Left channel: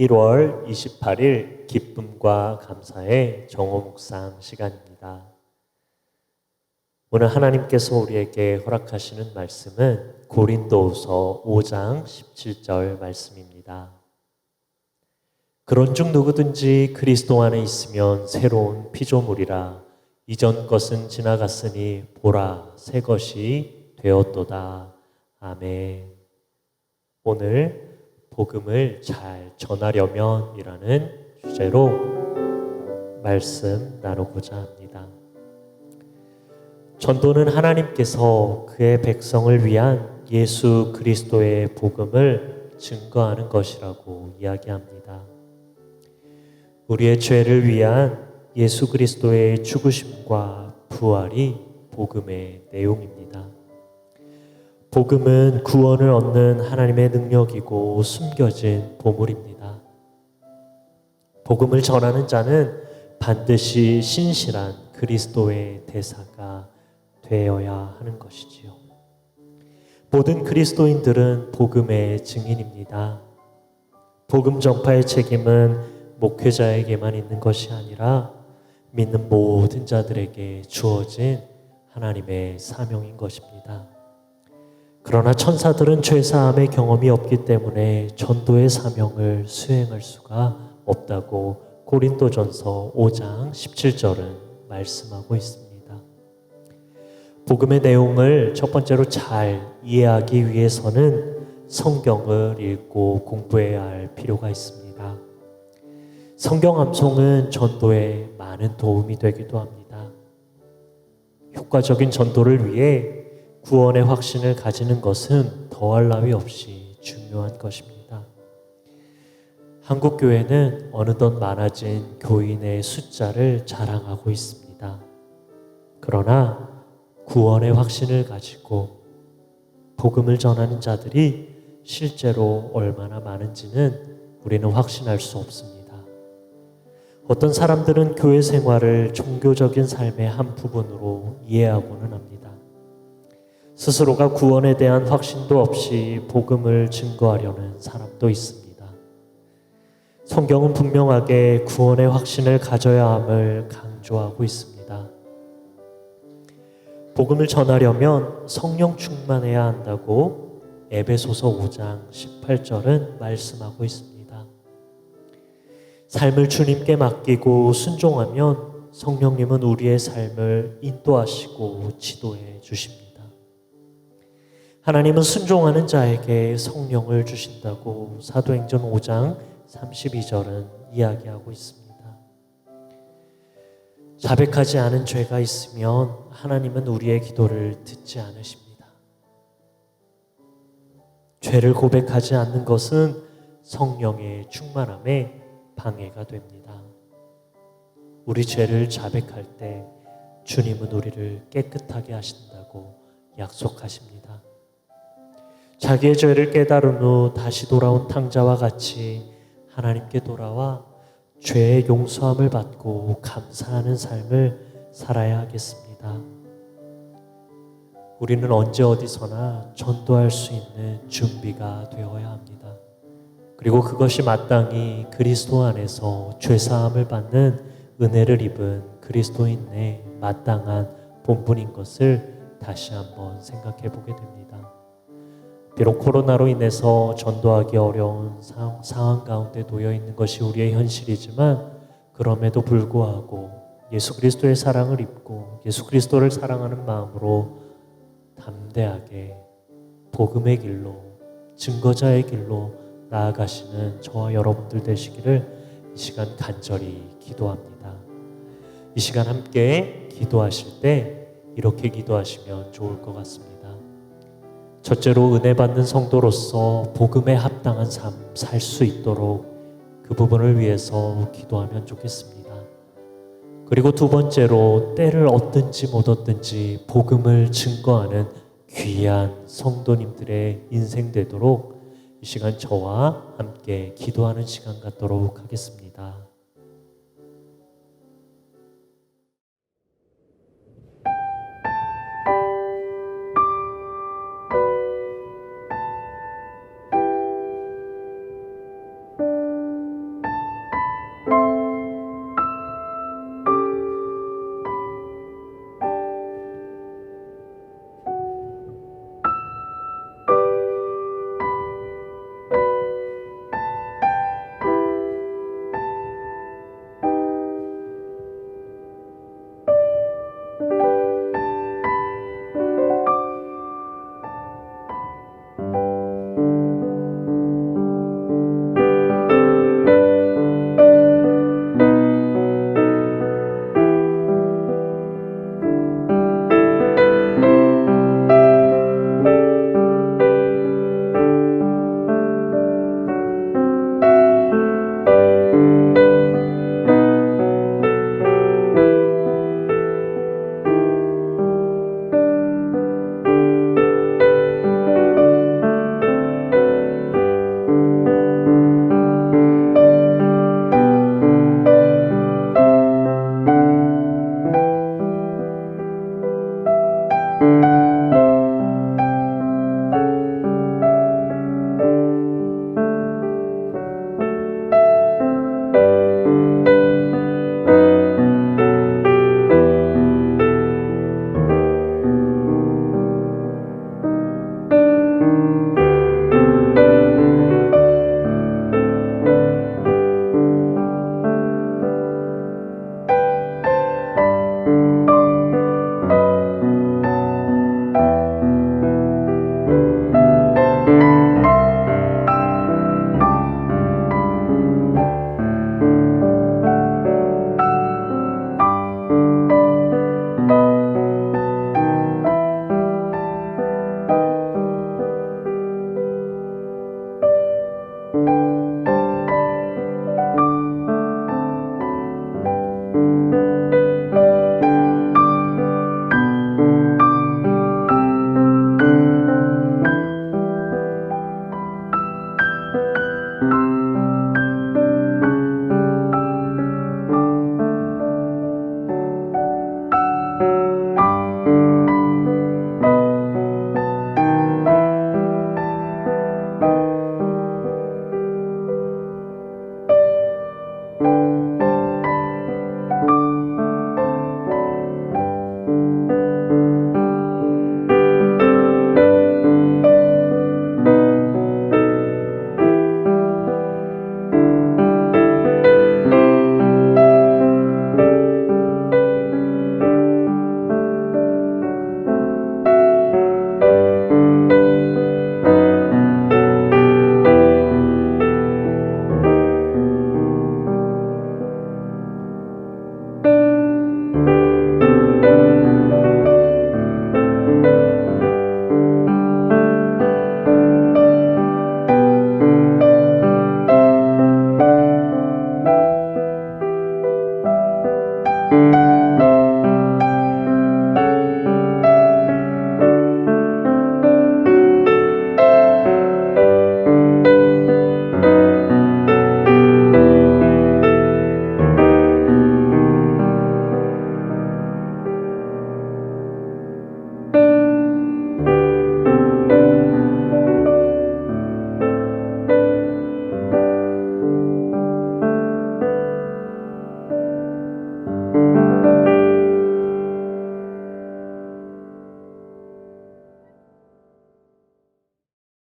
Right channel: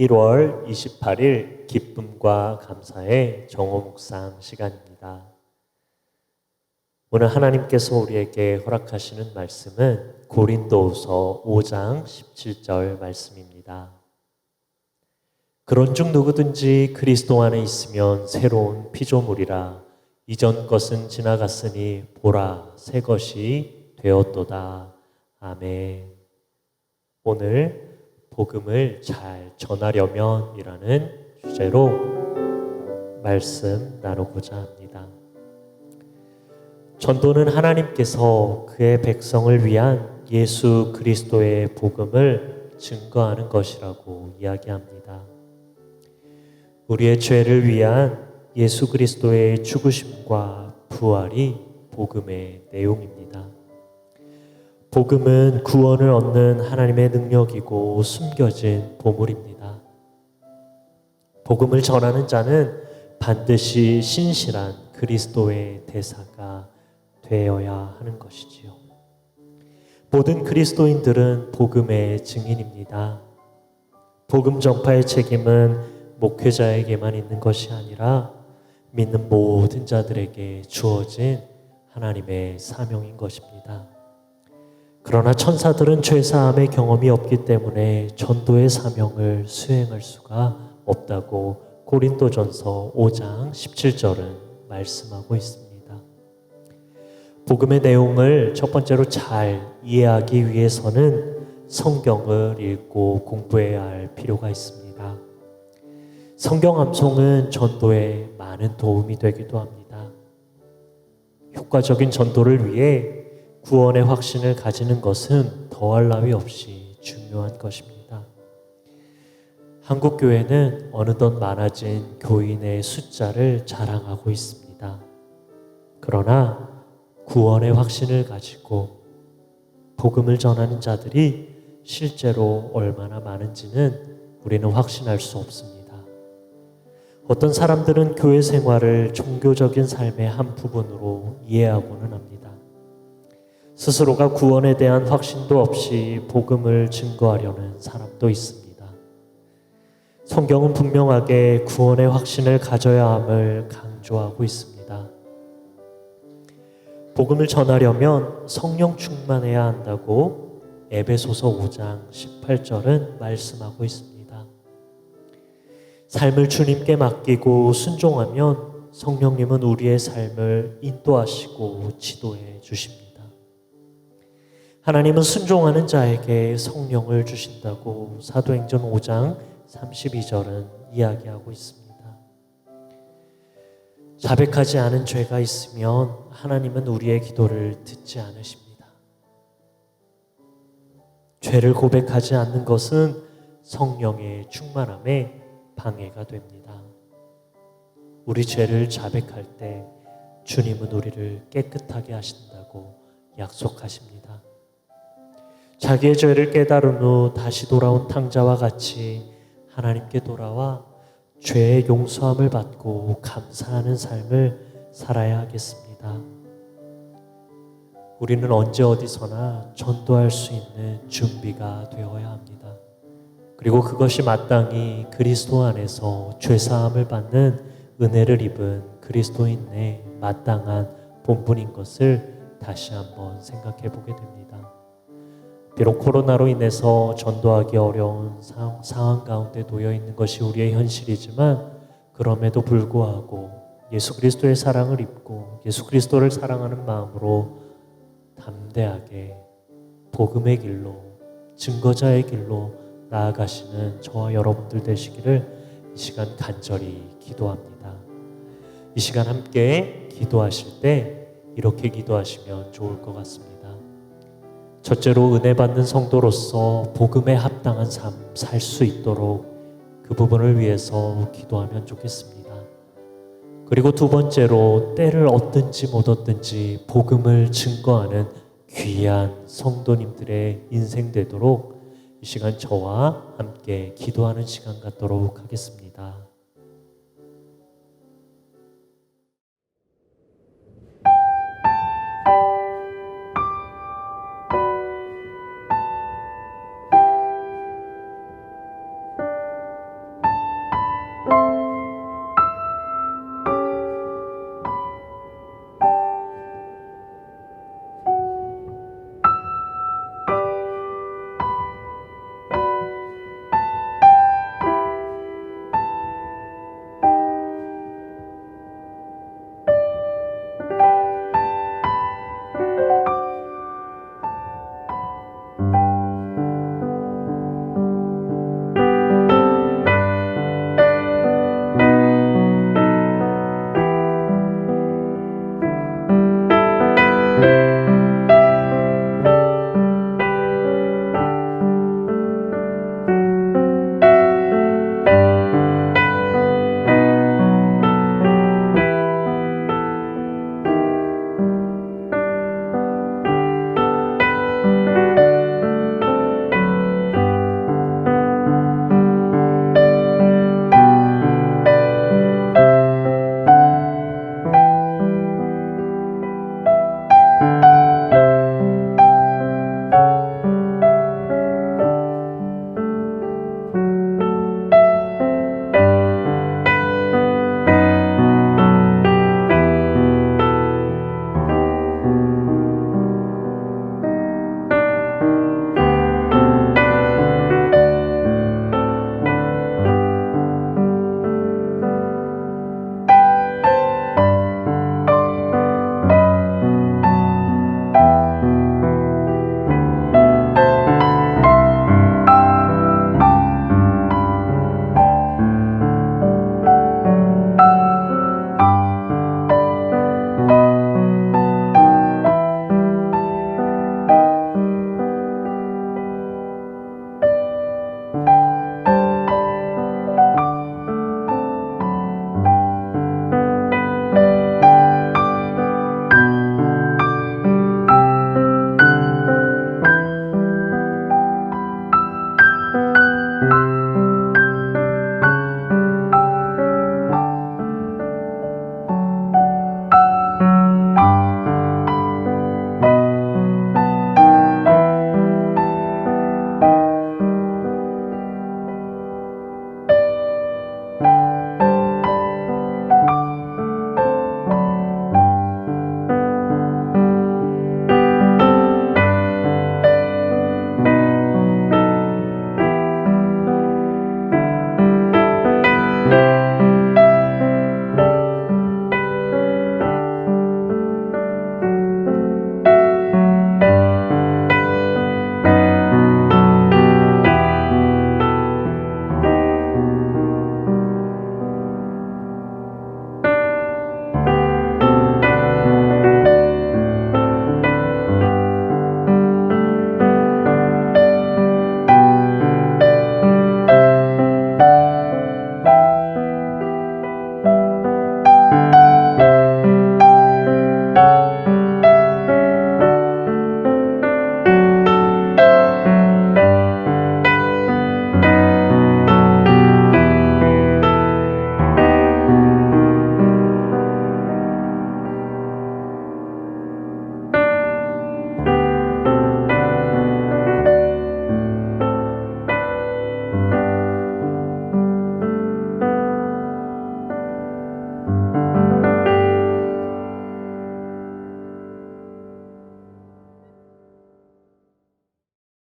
1월 28일 기쁨과 감사의 정오 묵상 시간입니다. 오늘 하나님께서 우리에게 허락하시는 말씀은 고린도후서 5장 17절 말씀입니다. 그런즉 누구든지 그리스도 안에 있으면 새로운 피조물이라 이전 것은 지나갔으니 보라 새 것이 되었도다. 아멘. 오늘 복음을 잘 전하려면 이라는 주제로 말씀 나누고자 합니다. 전도는 하나님께서 그의 백성을 위한 예수 그리스도의 복음을 증거하는 것이라고 이야기합니다. 우리의 죄를 위한 예수 그리스도의 죽으심과 부활이 복음의 내용입니다. 복음은 구원을 얻는 하나님의 능력이고 숨겨진 보물입니다. 복음을 전하는 자는 반드시 신실한 그리스도의 대사가 되어야 하는 것이지요. 모든 그리스도인들은 복음의 증인입니다. 복음 전파의 책임은 목회자에게만 있는 것이 아니라 믿는 모든 자들에게 주어진 하나님의 사명인 것입니다. 그러나 천사들은 죄사함의 경험이 없기 때문에 전도의 사명을 수행할 수가 없다고 고린도전서 5장 17절은 말씀하고 있습니다. 복음의 내용을 첫 번째로 잘 이해하기 위해서는 성경을 읽고 공부해야 할 필요가 있습니다. 성경 암송은 전도에 많은 도움이 되기도 합니다. 효과적인 전도를 위해 구원의 확신을 가지는 것은 더할 나위 없이 중요한 것입니다. 한국 교회는 어느덧 많아진 교인의 숫자를 자랑하고 있습니다. 그러나 구원의 확신을 가지고 복음을 전하는 자들이 실제로 얼마나 많은지는 우리는 확신할 수 없습니다. 어떤 사람들은 교회 생활을 종교적인 삶의 한 부분으로 이해하고는 합니다. 스스로가 구원에 대한 확신도 없이 복음을 증거하려는 사람도 있습니다. 성경은 분명하게 구원의 확신을 가져야 함을 강조하고 있습니다. 복음을 전하려면 성령 충만해야 한다고 에베소서 5장 18절은 말씀하고 있습니다. 삶을 주님께 맡기고 순종하면 성령님은 우리의 삶을 인도하시고 지도해 주십니다. 하나님은 순종하는 자에게 성령을 주신다고 사도행전 5장 32절은 이야기하고 있습니다. 자백하지 않은 죄가 있으면 하나님은 우리의 기도를 듣지 않으십니다. 죄를 고백하지 않는 것은 성령의 충만함에 방해가 됩니다. 우리 죄를 자백할 때 주님은 우리를 깨끗하게 하신다고 약속하십니다. 자기의 죄를 깨달은 후 다시 돌아온 탕자와 같이 하나님께 돌아와 죄의 용서함을 받고 감사하는 삶을 살아야 하겠습니다. 우리는 언제 어디서나 전도할 수 있는 준비가 되어야 합니다. 그리고 그것이 마땅히 그리스도 안에서 죄사함을 받는 은혜를 입은 그리스도인의 마땅한 본분인 것을 다시 한번 생각해 보게 됩니다. 비록 코로나로 인해서 전도하기 어려운 상황 가운데 놓여 있는 것이 우리의 현실이지만 그럼에도 불구하고 예수 그리스도의 사랑을 입고 예수 그리스도를 사랑하는 마음으로 담대하게 복음의 길로 증거자의 길로 나아가시는 저와 여러분들 되시기를 이 시간 간절히 기도합니다. 이 시간 함께 기도하실 때 이렇게 기도하시면 좋을 것 같습니다. 첫째로 은혜 받는 성도로서 복음에 합당한 삶 살 수 있도록 그 부분을 위해서 기도하면 좋겠습니다. 그리고 두 번째로 때를 얻든지 못 얻든지 복음을 증거하는 귀한 성도님들의 인생 되도록 이 시간 저와 함께 기도하는 시간 갖도록 하겠습니다. 주